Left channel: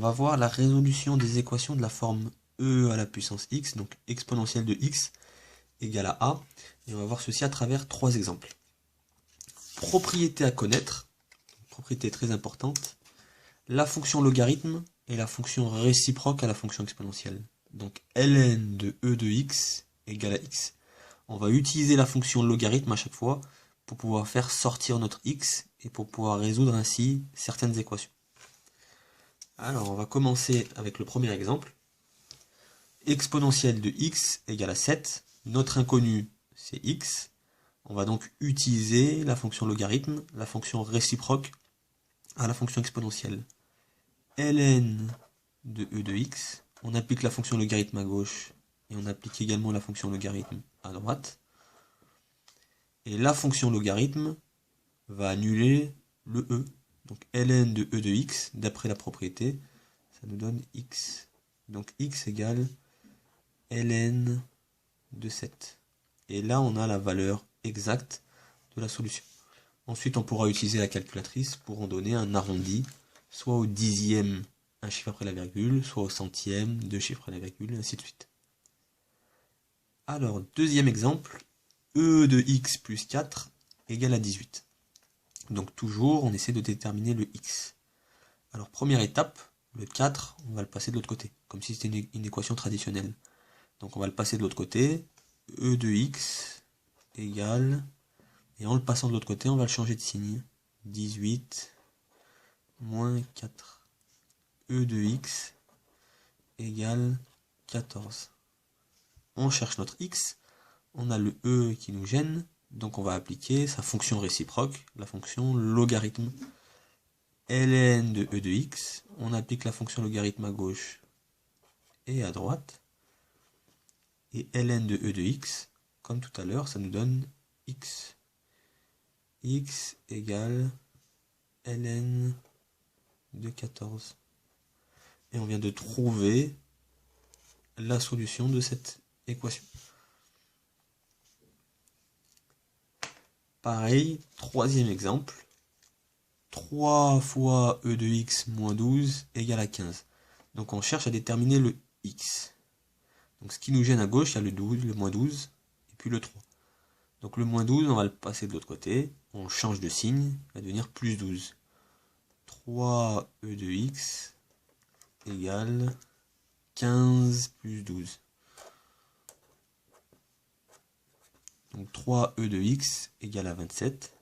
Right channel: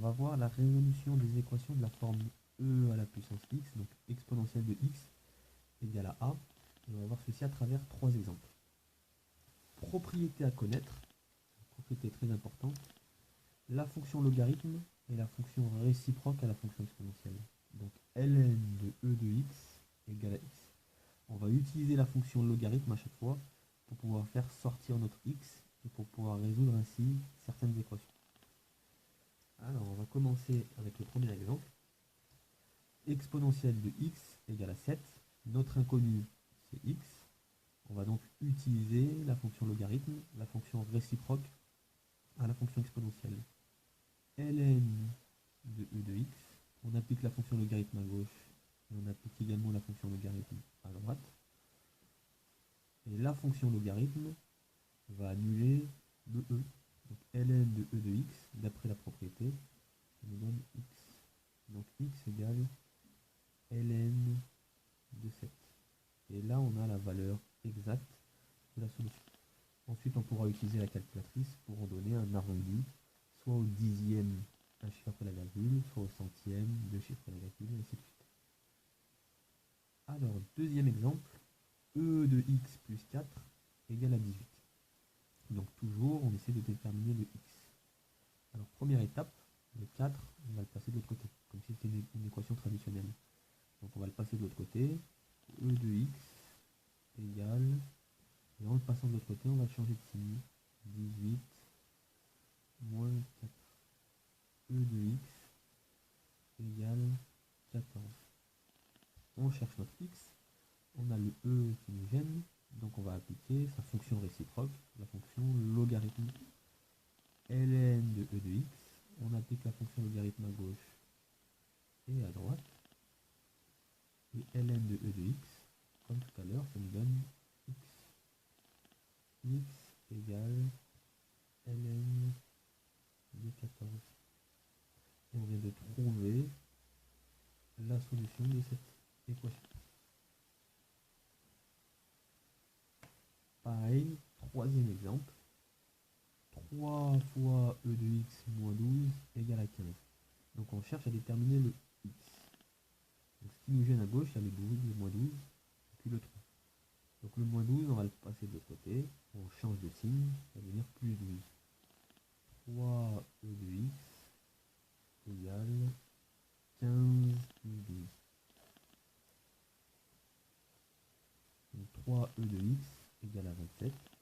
va voir la résolution des équations de la forme e à la puissance x, donc exponentielle de x égale à a. Et on va voir ceci à travers trois exemples. Propriété à connaître, propriété très importante, la fonction logarithme et la fonction réciproque à la fonction exponentielle. Donc ln de e de x égale à x. On va utiliser la fonction logarithme à chaque fois pour pouvoir faire sortir notre x et pour pouvoir résoudre ainsi certaines équations. Alors on va commencer avec le premier exemple. Exponentielle de x égale à 7. Notre inconnu c'est x. On va donc utiliser la fonction logarithme, la fonction réciproque à la fonction exponentielle. Ln de e de x, on applique la fonction logarithme à gauche et on applique également la fonction logarithme à droite. Et la fonction logarithme va annuler le e. Donc ln de e de x, d'après la propriété, ça nous donne x. Donc x égale ln de 7. Et là, on a la valeur exacte de la solution. Ensuite, on pourra utiliser la calculatrice pour en donner un arrondi, soit au dixième, un chiffre après la virgule, soit au centième, deux chiffres après la virgule, et ainsi de suite. Alors, deuxième exemple, e de x plus 4 égale à 18. Donc toujours, on essaie de déterminer le x. Alors, première étape, le 4, on va le passer de l'autre côté, comme si c'était une équation traditionnelle. Donc on va le passer de l'autre côté, e de x égale, et en le passant de l'autre côté, on va le changer de signe, 18 moins 4. E de x égale 14. On cherche notre x, on a le e qui nous gêne, donc on va appliquer sa fonction réciproque, la fonction logarithme. Ln de e de x, on applique la fonction logarithme à gauche et à droite. Et ln de e de x, comme tout à l'heure, ça nous donne x. X égale ln de 14. Et on vient de trouver la solution de cette équation. Pareil, troisième exemple. 3 fois e de x moins 12 égale à 15. Donc on cherche à déterminer le x. Donc ce qui nous gêne à gauche, il y a le 12, le moins 12, et puis le 3. Donc le moins 12, on va le passer de l'autre côté. On change de signe, il va devenir plus 12. 3 e de x égale 15 plus 12. Donc 3 e de x égale à 27.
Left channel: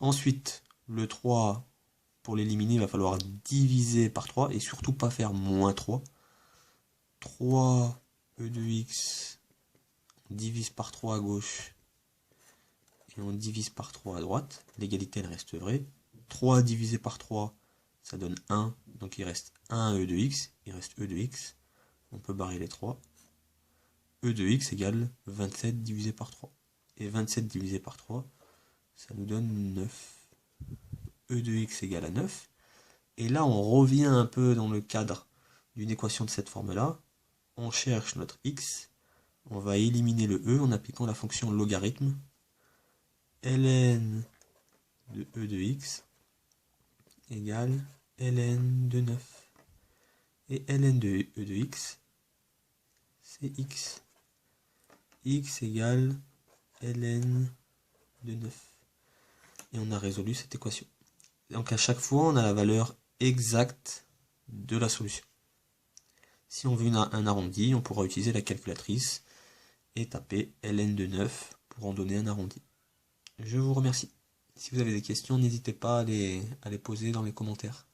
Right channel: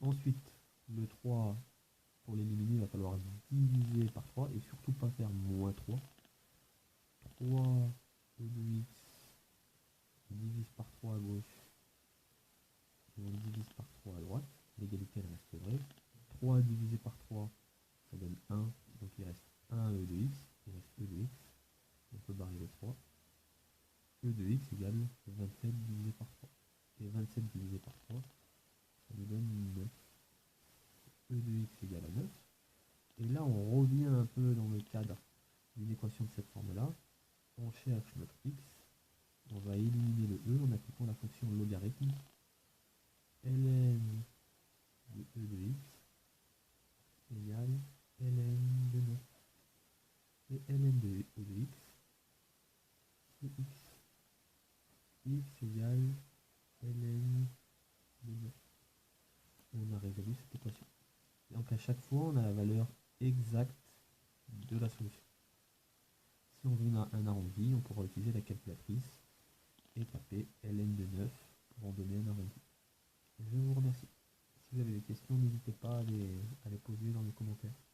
Ensuite, le 3, pour l'éliminer, il va falloir diviser par 3 et surtout pas faire moins 3. 3 e de x, on divise par 3 à gauche et on divise par 3 à droite. L'égalité elle reste vraie. 3 divisé par 3, ça donne 1. Donc il reste 1 e de x, il reste e de x. On peut barrer les 3. E de x égale 27 divisé par 3. Et 27 divisé par 3, ça nous donne 9. E de x égale à 9. Et là, on revient un peu dans le cadre d'une équation de cette forme-là. On cherche notre x. On va éliminer le e en appliquant la fonction logarithme. Ln de e de x égale ln de 9. Et ln de e de x, c'est x. X égale ln de 9. Et on a résolu cette équation. Donc à chaque fois, on a la valeur exacte de la solution. Si on veut un arrondi, on pourra utiliser la calculatrice et taper ln de 9 pour en donner un arrondi. Je vous remercie. Si vous avez des questions, n'hésitez pas à les poser dans les commentaires.